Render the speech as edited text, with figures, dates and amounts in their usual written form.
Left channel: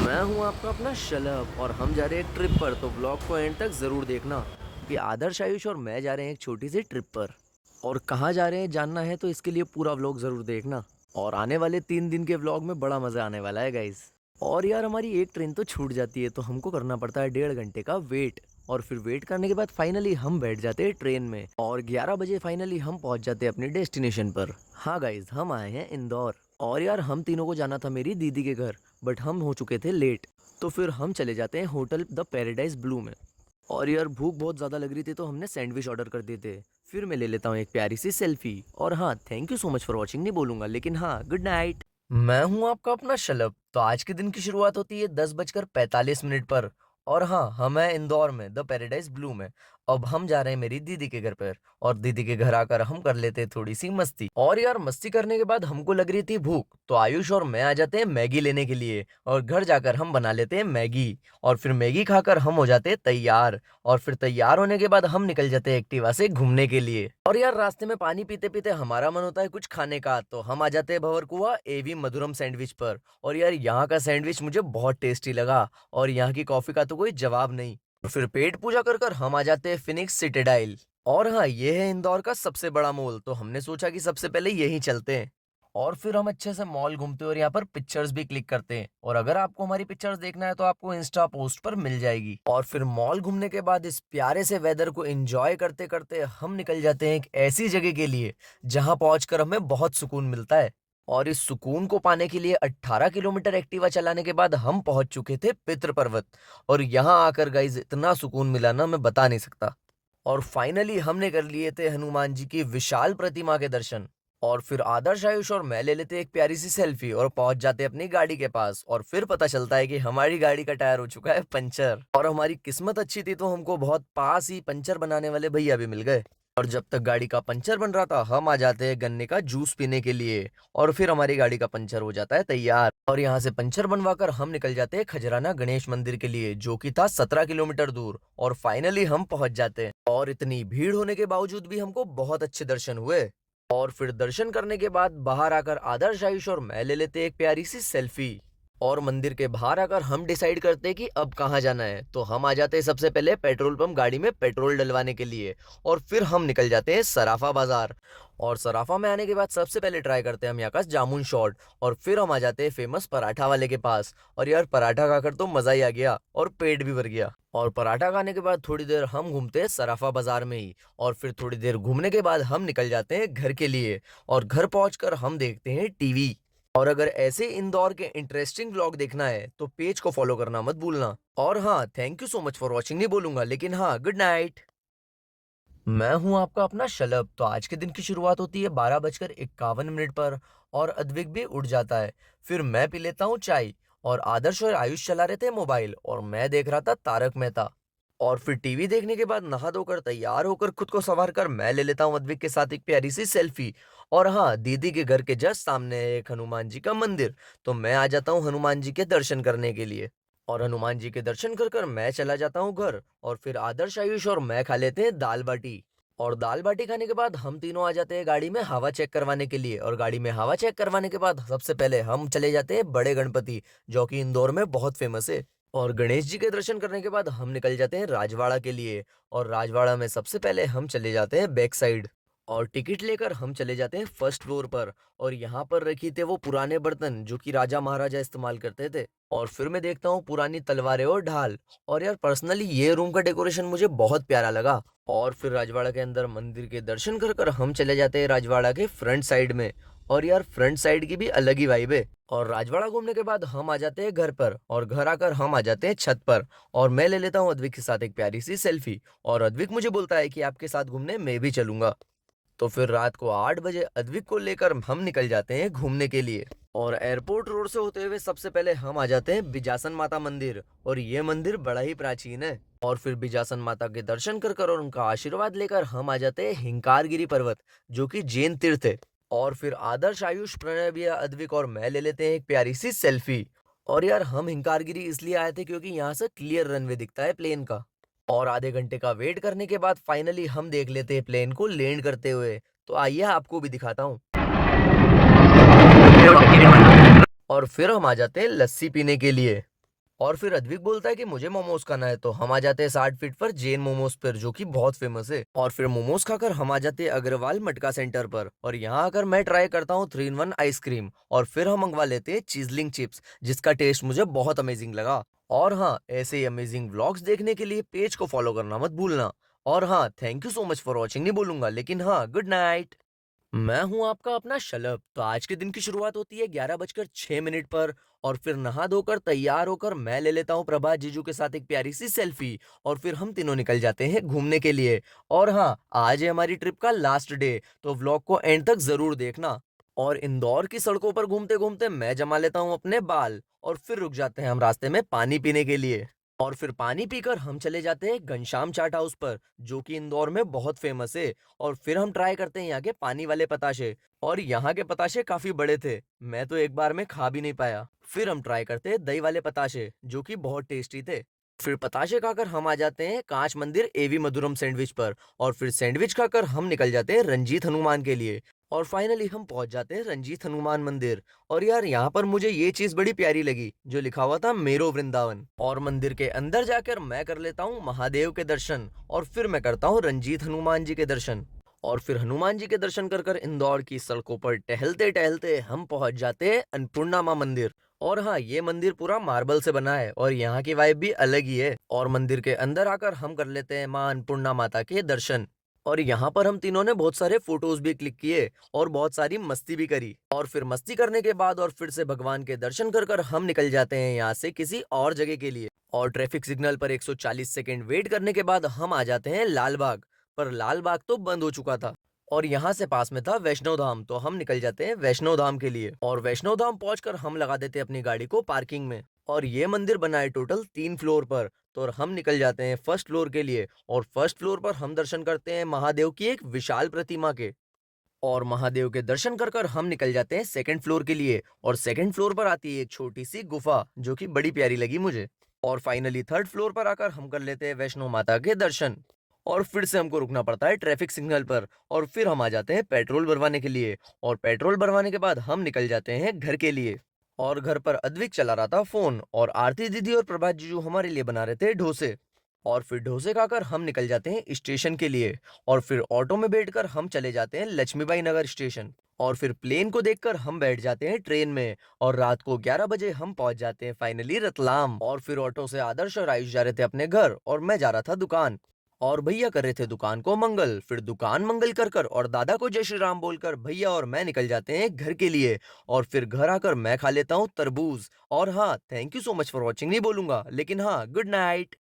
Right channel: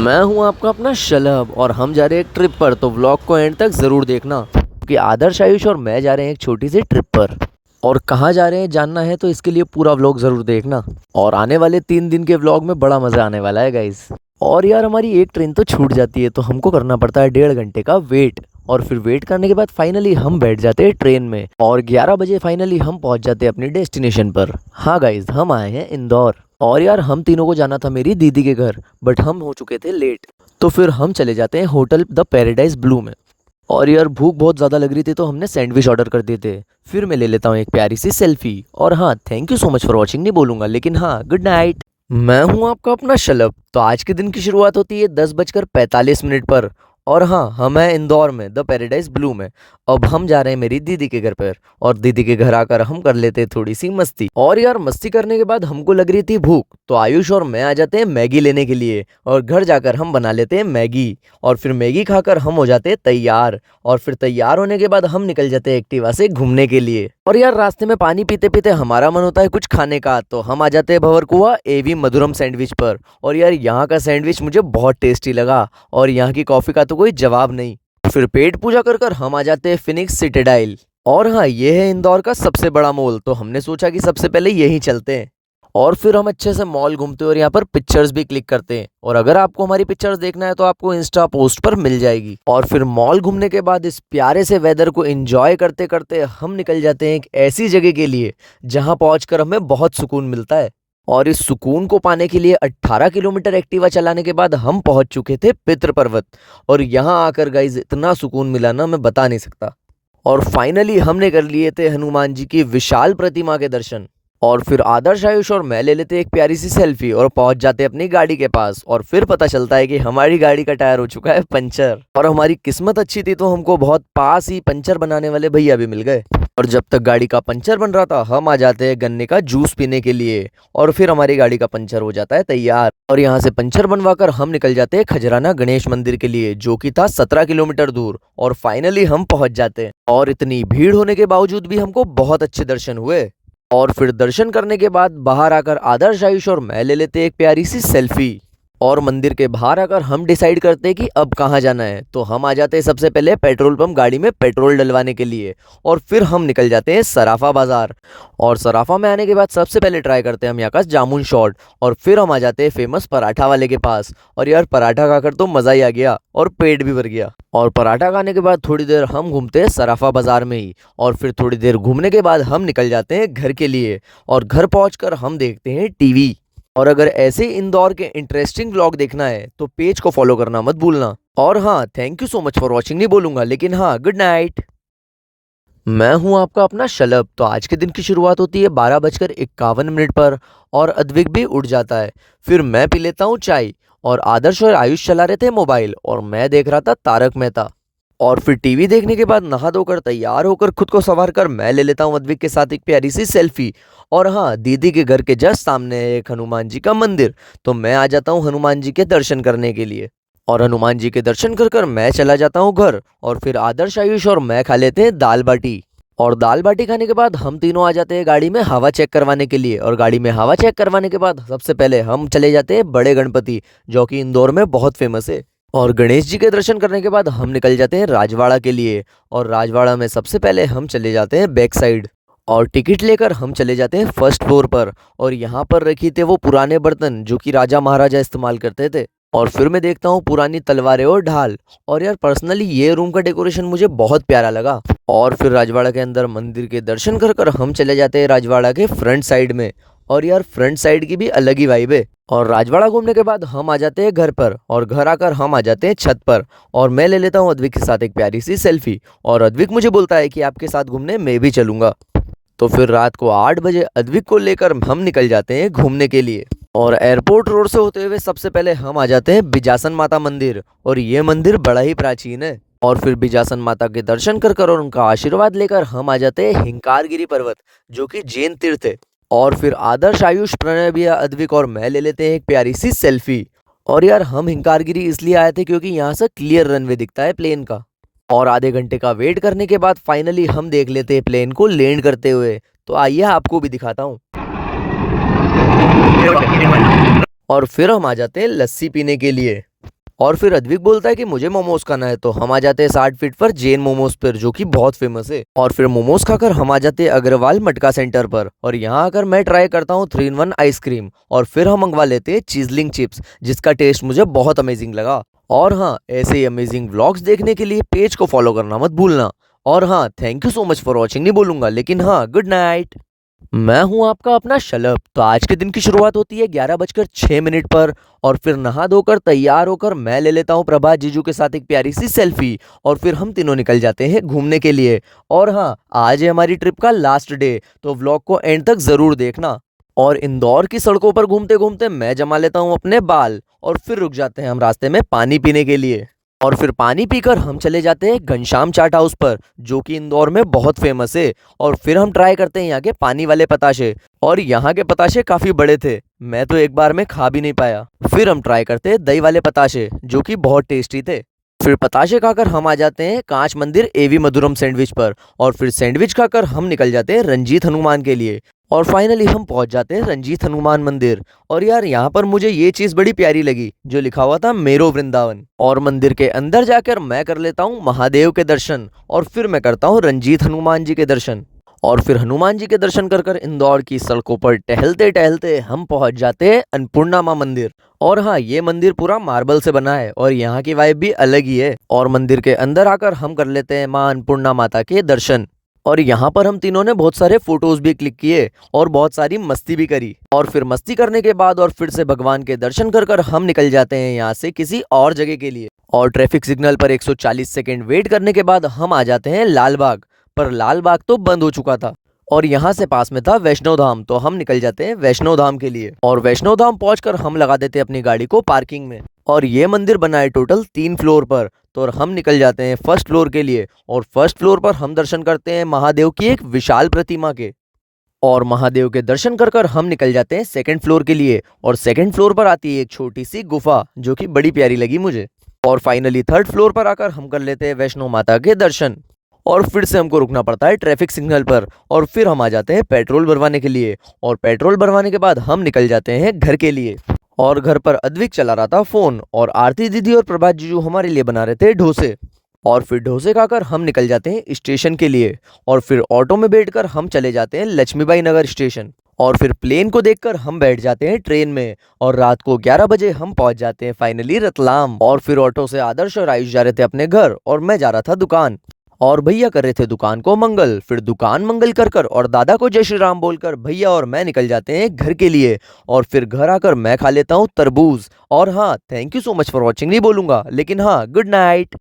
मैं हूं आपका अपना शलभ और हम जा रहे हैं एक ट्रिप पर। तो व्लॉग को एंड तक ज़रूर देखना कि आदर्श, आयुष और मैं जा रहे हैं एक छोटी सी ट्रिप पर। और कहाँ जा रहे हैं जानना है तो इसके लिए पूरा व्लॉग ज़रूर देखना। और आने वाले 3 दिन के व्लॉग में बड़ा मज़ा आने वाला है गाइस। और यार हमारी एक ट्रेन तो छूट जाती है तो हमको करना पड़ता है 1.5 घंटे का वेट। और फिर वेट करने के बाद फाइनली हम बैठ जाते हैं ट्रेन में और 11 बजे फाइनली हम पहुंच जाते हैं अपनी डेस्टिनेशन पर। हाँ गाइज, हम आए हैं इंदौर। और यार हम तीनों को जाना था मेरी दीदी के घर, बट हम हो चुके थे लेट। तो फिर हम चले जाते हैं होटल द पैराडाइज ब्लू में। और यार भूख बहुत ज़्यादा लग रही थी तो हमने सैंडविच ऑर्डर कर दिए थे। फिर मैं ले लेता हूँ एक प्यारी सी सेल्फी। और हाँ, thank you so much for watching नहीं बोलूँगा, लेकिन हाँ, गुड नाइट। मैं हूँ आपका अपना शलभ। तो आज के दिन की शुरुआत होती है 10:45 पर। और हाँ, हम हैं इंदौर में द पैराडाइज ब्लू में। अब हम जा रहे हैं मेरी दीदी के घर पर। और दीदी के घर आकर हम कर लेते हैं थोड़ी सी मस्ती। और यार मस्ती करने के बाद हमको लग रही थी भूख, तो आयुष और मैं आ जाते हैं मैगी लेने के लिए। और घर जाकर हम बना लेते हैं मैगी। और फिर मैगी खाकर हम हो जाते हैं तैयार। और फिर तैयार होने के बाद हम निकल जाते हैं एक्टिवा से घूमने के लिए। और यार रास्ते में पानी पीते पीते हमारा मन होता है कुछ खाने का, तो हम आ जाते हैं भंवरकुआ एवी मधुरम सैंडविच पर। और यार यहाँ का सैंडविच मुझे बहुत टेस्टी लगा। और यहाँ की कॉफ़ी का तो कोई जवाब नहीं। फिर पेट पूजा कर कर हम आ जाते हैं फिनिक्स सिटाडेल। और हाँ, ये है इंदौर का सबसे बड़ा मॉल, तो हमने सोचा कि सबसे पहले यहीं चलते हैं। और फिर हम अच्छे से मॉल घूमते हैं और यहाँ पर पिक्चर्स भी क्लिक करते हैं। और अगर आपको हमारी पिक्चर्स देखना है तो आपको इंस्टा पोस्ट पर मिल जाएगी। और फिर मॉल घूमने के बाद इस प्यारे से वेदर को एंजॉय करते करते हम निकल जाते हैं एक ऐसी जगह के लिए जहाँ पहुंचकर हमें बहुत सुकून मिलता है। और इस सुकून को पाने के लिए 18 किलोमीटर एक्टिवा चलाने के बाद हम पहुंच चुके थे पितृ पर्वत। और यहाँ आकर गाइज इतना सुकून मिला ना, मैं बता नहीं सकता। और फाइनली हमने कर लिए थे हनुमान जी की विशाल प्रतिमा के दर्शन। और फिर आदर्श, आयुष और मैं ले लेते एक प्यारी सी सेल्फी और पहुंच जाते अपनी गाड़ी के पास। और फिर पता चलता है कि हमारी गाड़ी का टायर हो चुका है पंचर। और हमारी किस्मत अच्छी थी तो हमको बहुत पास ही पंचर बनाने वाले भैया भी मिल गए। और जब तक गाड़ी का पंचर बन रहा था हम आ जाते हैं गन्ने का जूस पीने के लिए। और फिर हमारी गाड़ी का पंचर हो जाता है तैयार। और यहाँ से पंचर बनवा कर हम निकल जाते हैं खजराना गणेश मंदिर के लिए, जो कि था 17 किलोमीटर दूर। और फाइनली हम पहुंच जाते हैं। और इतनी भीड़ होने के बावजूद भी हमको बहुत अच्छे दर्शन हुए। और फिर दर्शन करने के बाद बाहर आकर आदर्श, आयुष और मैं ले लेते एक प्यारी सी सेल्फी। और मंदिर के बाहर आकर हम डिसाइड करते हैं कि अब कहाँ जाना है। तो हम आ जाते हैं सबसे पहले पेट्रोल पंप गाड़ी में पेट्रोल डलवाने के लिए। और फिर हम निकल जाते हैं सराफा बाजार। और सराफा में आने के बाद सबसे पहले ट्राई करते हैं हम यहाँ का जामुन शॉट। और फिर हम आ जाते हैं फेमस पराठा वाले के पास। और यार पराठा खाकर तो मज़ा ही आ गया और पेट भी भर गया। और पराठा खाने के बाद थोड़ी देर हम घूमते हैं सराफा बाजार में ही। और फिर थोड़ी देर घूमने के बाद हम निकल जाते हैं घर के लिए। और घर पहुंचकर हम देखते हैं टीवी। और अगर ऐसे इंदौर के इंटरेस्टिंग व्लॉग देखना है तो पेज को फॉलो करना मत भूलना। और हाँ, thank you so much for watching नहीं बोलूंगा, लेकिन हाँ, गुड नाइट। मैं हूं आपका अपना शलभ। तो आज के दिन की शुरुआत होती है 12:51 पर। और अद्विक भी उठ जाता है। फिर मैं पी लेता हूँ चाय। और आदर्श और आयुष चला रहे थे मोबाइल और मैं देख रहा था तारक मेहता। और फिर टीवी देखने के बाद नहा धोकर तैयार होकर खुद को संवार कर मैं ले लेता हूँ अद्विक के साथ एक प्यारी सी सेल्फी। और हाँ, दीदी के घर के जस्ट सामने है एक हनुमान जी का मंदिर, तो मैं आ जाता हूँ हनुमान जी के दर्शन करने के लिए। और हनुमान जी के दर्शन कर कर मैं चला जाता हूँ घर। और फिर आदर्श, आयुष और मैं खा लेते हैं दाल बाटी। और दाल बाटी खाने के बाद हम तीनों आ जाते हैं गाड़ी में हवा चेक करवाने के लिए। और गाड़ी में हवा चेक करवाने के बाद सबसे पहले हम चले जाते हैं बड़े गणपति, जो कि इंदौर में बहुत फेमस है। और गणेश जी के दर्शन करने के बाद हम निकल जाते हैं राजवाड़ा के लिए। और राजवाड़ा में सबसे पहले हम चले जाते हैं बैक साइड। और टिकट लेकर हम चले जाते हैं फर्स्ट फ्लोर पर। और यहाँ पर रखी थे वो पुराने बर्तन जो कि राजा महाराजा इस्तेमाल करते थे। और फिर मैं देखता हूँ पुरानी तलवारें और ढाल। और यार पर्सनली ये रूम का डेकोरेशन मुझे बहुत प्यारा लगा। और फिर राजवाड़ा के अंदर मंदिर के दर्शन कर कर हम चले जाते हैं राजवाड़ा के फ्रंट साइड में। और यार फ्रंट साइड की भी अलग ही वाइब है। और राजवाड़ा घूमने के बाद हम आ जाते हैं घर पर। और घर आकर हम आ जाते हैं छत पर। और मैं ले लेता हूँ अद्विक के साथ एक प्यारी सी सेल्फी। और अद्विक मुझे बोलता है कि आपके साथ घूमने मैं भी चलूंगा। तो फिर रात को 8 बजे अद्विक को लेकर हम निकल जाते हैं घूमने के लिए। और एयरपोर्ट रोड से होते हुए सबसे पहले हम आ जाते हैं बिजासन माता मंदिर। और ये मंदिर बड़ा ही प्राचीन है। और फिर बिजासन माता के दर्शन कर कर और उनका आशीर्वाद लेकर हम आ जाते हैं हिंकारगिरी पर्वत, जो कि जैन तीर्थ है। और फिर आदर्श, आयुष, प्रणय भैया, अद्विक और मैं ले लेते हैं एक प्यारी सी सेल्फी। और यार हम हिंकारगिरी इसलिए आए थे क्योंकि यहाँ से क्लियर रनवे दिखता है प्लेन का। और आधे घंटे का वेट करने के बाद फाइनली हम देख लेते हैं प्लेन को लैंड करते हुए। तो आइए आपको भी दिखाता हूँ। और फिर हम आ जाते हैं लस्सी पीने के लिए। और फिर अद्विक बोलता है कि मुझे मोमोज खाना है, तो हम आ जाते हैं 60 फीट पर जैन मोमोज पर, जो कि बहुत फेमस है। और फिर मोमोज खाकर हम आ जाते हैं अग्रवाल मटका सेंटर पर, और यहाँ आकर मैं ट्राई करता हूँ 3 in 1 आइसक्रीम, और फिर हम मंगवा लेते हैं चीजलिंग चिप्स, जिसका टेस्ट मुझे बहुत अमेजिंग लगा। और हाँ, ऐसे ही अमेजिंग व्लॉग्स देखने के लिए पेज को फॉलो करना मत भूलना। और हाँ, thank you so much for watching नहीं बोलूंगा, लेकिन हाँ, गुड नाइट। मैं हूं आपका अपना शलभ। तो आज के दिन की शुरुआत होती है 11:06 पर, और फिर नहा धोकर तैयार होकर मैं ले लेता हूं प्रभात जीजू के साथ एक प्यारी सी सेल्फी, और फिर हम तीनों निकल जाते हैं घूमने के लिए। और हाँ, आज है हमारी ट्रिप का लास्ट डे, तो व्लॉग को एंड तक जरूर देखना। और इंदौर की सड़कों पर घूमते घूमते मैं जमा लेता हूँ अपने बाल, और फिर रुक जाते हैं हम रास्ते में पानी पीने के लिए। और फिर पानी पीकर हम चले जाते हैं घनश्याम चाट हाउस पर, जो कि इंदौर में बहुत फेमस है। और फिर हम ट्राई करते हैं यहाँ के पानी वाले पताशे, और यहाँ के पताशे काफी बड़े थे, मैं तो एक बार में खा भी नहीं पाया। फिर हम ट्राई करते हैं दही वाले पताशे, जो कि बहुत टेस्टी थे। फिर पताशे खाकर हम आ जाते हैं कांच मंदिर एवी मधुरम सैंडविच पर, और फिर सैंडविच खाकर हम निकल जाते हैं रंजीत हनुमान के लिए। और फाइनली हम पहुंच जाते हैं रंजीत हनुमान मंदिर। और यार, यहाँ पर मुझे ये चीज बड़ी प्यारी लगी, जो लिखा हुआ था मेरो वृंदावन। और मंदिर के अंदर जाकर मैं कर लेता हूँ महादेव के दर्शन, और फिर मैं करता हूँ रंजीत हनुमान जी के दर्शन। और फिर हनुमान जी के दर्शन कर कर इंदौर की सड़कों पर टहलते टहलते हम पहुंच जाते हैं अन्नपूर्णा माँ मंदिर। और हाँ, ये मंदिर पूरा मार्बल से बना है, और यहाँ की वाइब भी अलग ही है। और मंदिर के अंदर आकर हम कर लेते हैं माँ अन्नपूर्णा माता के दर्शन। और यहाँ पर हम तीनों ने बहुत सारे फोटोज भी क्लिक किए, और बहुत सारी मस्ती भी करी। और फिर मस्ती करने के बाद और फिर से भगवान के दर्शन कर कर हम निकल जाते हैं यहाँ से किसी और जगह के लिए। और ट्रैफिक सिग्नल पर 140 सेकेंड वेट करने के बाद हम आ जाते हैं लाल बाग। पर लाल बाग तो बंद हो चुका था, और यहाँ से पास में था वैष्णो धाम, तो हम निकल जाते हैं वैष्णो धाम के लिए। और वैष्णो धाम पहुंचकर हम लगा देते हैं अपनी गाड़ी को पार्किंग में। और ये मंदिर बना है टोटल 3 फ्लोर पर, तो और हम निकल जाते हैं फर्स्ट फ्लोर के लिए। और फर्स्ट फ्लोर पर हम दर्शन करते हैं महादेव की एक विशाल प्रतिमा के। और महादेव के दर्शन कर कर हम निकल जाते हैं सेकंड फ्लोर के लिए। और सेकंड फ्लोर पर आती है एक छोटी सी गुफा, जो कि बड़ी प्यारी लगी मुझे। और फाइनली थर्ड फ्लोर पर आकर हम कर लेते हैं वैष्णो माता के दर्शन। और फिर से हमको रुकना पड़ता है ट्रैफिक सिग्नल पर, और फिर हम आ जाते हैं पेट्रोल भरवाने के लिए। और पेट्रोल भरवाने के बाद हम निकल जाते हैं घर के लिए। और घर पर अद्विक चला रहा था फोन, और आरती दीदी और प्रभात जीजू हमारे लिए बना रहे थे डोसे। और फिर डोसे खाकर हम निकल जाते हैं स्टेशन के लिए। और फिर ऑटो में बैठकर हम चले जाते हैं लक्ष्मीबाई नगर स्टेशन। और फिर प्लेन को देखकर हम बैठ जाते हैं ट्रेन में, और रात को 11 बजे हम पहुंच जाते हैं फाइनली रतलाम। और फिर ऑटो से आदर्श और आयुष जा रहे थे अपने घर, और मैं जा रहा था दुकान। और भैया कर रहे थे दुकान को मंगल। फिर दुकान मंगल कर कर और दादा को जय श्री राम बोलकर भैया और मैं निकल जाते हैं घर के लिए। और फिर घर आकर मैं खा लेता हूँ तरबूज। और हाँ, thank you so much for watching नहीं बोलूंगा, लेकिन हाँ, गुड नाइट।